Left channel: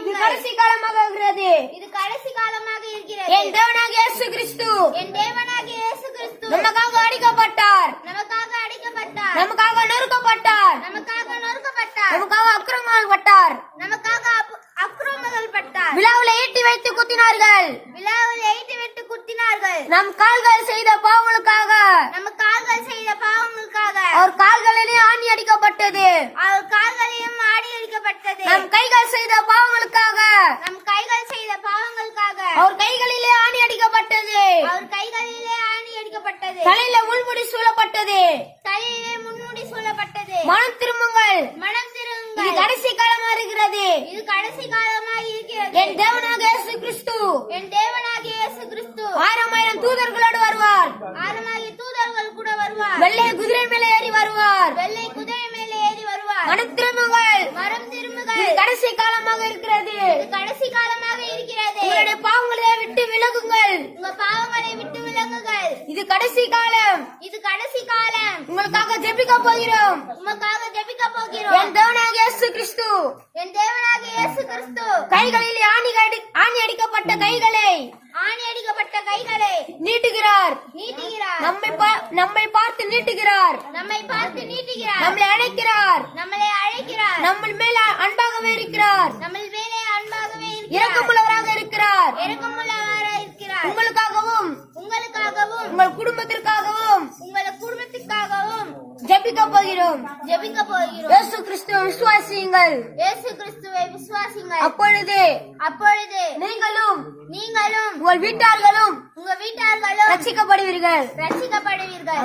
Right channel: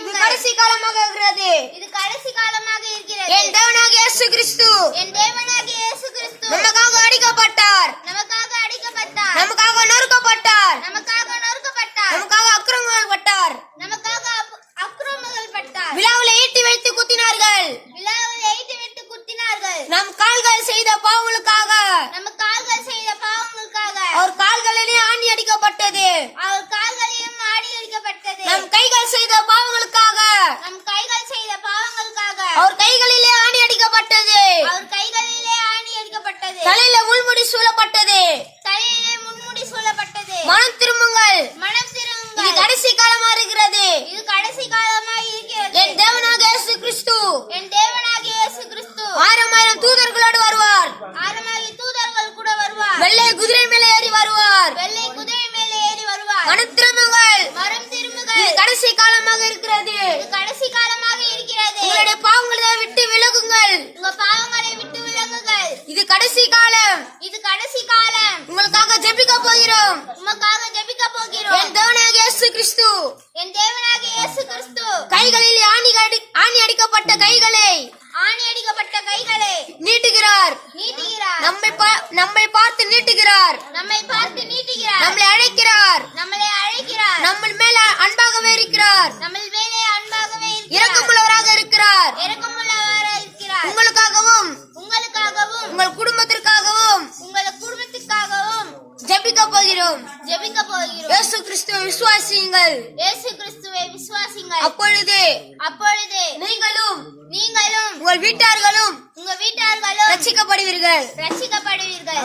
இது கடைசி காலமாக இருக்கிறது. இது கடைசி காலமாக இருக்கிறது. என் தேவனாக இயேசு கிறிஸ்து என் தேவனாகிய இயேசு கிறிஸ்து நமக்காக அடிக்கப்பட்டார். நமக்காக அடிக்கப்பட்டார். நமக்காக நொறுக்கப்பட்டார். நமக்காக நொறுக்கப்பட்டார். நமக்காக அக்கிரமங்கள் பட்டார் நமக்காக அக்கிரமங்கள் பட்டார் விழாவில் ஈட்டி வைத்து குத்தினார்கள். விழாவில் எய்து விட்டு குத்தினார்கள். நம் கால்கள் செய்த பாவங்களுக்காக நம்ம கால்கள் செய்த பாவங்களுக்காக அவர் கால்களிலே ஆணி அடிக்கப்பட்டது அவர் கால்களையும் ஆடி அடிக்கப்பட்டது நம் கைகள் செய்த பாவங்களுக்காக நம் கைகள் செய்த பாவங்களுக்காக அவர் கைகளிலே அடிக்கப்பட்டது அவர் கைகளிலே ஆணி அடிக்கப்பட்டது தலையில முள்முடி சூழப்பட்டது. தலையிலே முன்முடி சூழப்பட்டது. மனம் திரும்புங்கள். மனம் இது திரும்புங்கள் கடைசி காலமா இருக்கிறது. இது கடைசி காலமாக இருக்கிறது. என் தேவனாக இயேசு கிறிஸ்து. என் தேவனாகிய இயேசு கிறிஸ்து. ஆயிரம் ஆயிரம் தூதர்களோடு வருவார். ஆரமாகி தூதர்கள் கூட வருவார். வெள்ளை குதிரை மேலே ஏறி வருவார். வெள்ளை குதிரை மேலே ஏறி வருவார். மனம் திரும்புங்கள். மரம் இது திரும்புகள் கடைசி காலமாக இருக்கிறது. இது கடைசி காலமாக இருக்கிறது. உங்களுடைய பாவங்களை விட்டு விலகுங்கள் உங்க பாவங்களை விட்டு விலங்குகள் இது கடைசி காலம். இது கடைசி காலம். உங்களுக்காக ஜெபிக்க போகிறோம். உமக்காக ஜெபிக்க போகிறோம். என் தேவனாக இயேசு கிறிஸ்து. என் தேவனாகிய இயேசு கிறிஸ்து. கைகளில் ஆணி அடி- ஆணி அடிக்கப்பட்ட கைகளை ஆணி அடிக்கப்பட்ட கைகளை நீட்டுகிறார். நீட்டுகிறார். நம்மை நம்மை பார்த்து நீட்டுகிறார். நம்மை பார்த்து நீட்டுகிறார். நம்மளை அழைக்கிறார். நம்மளை அழைக்கிறார். நம்ம மேல அன்பாகவே இருக்கிறார். நம்ம மேலே அன்பாகவே இருக்கிறார். இரக்கமுள்ளவராக இருக்கிறார். இரக்கமுள்ளவராக இருக்கிறார் உங்களுக்காகவும் உங்களுக்காகவும் உங்கள் குடும்பத்திற்காகவும் உங்கள் குடும்பத்துக்காகவும் ஜெபிக்க போகிறோம் ஜெபிக்க போகிறோம். இயேசு கிறிஸ்துவை விசுவாசியுங்கள். இயேசு கிறிஸ்துவை விசுவாசிங்கள் அப்பொழுது அப்பொழுது நீங்களும் நீங்களும் உங்கள் வீட்டார்களும் உங்க வீட்டார்களும் ரட்சிக்கப்படுவீர்கள். ரட்சிக்கப்படுவீர்கள்.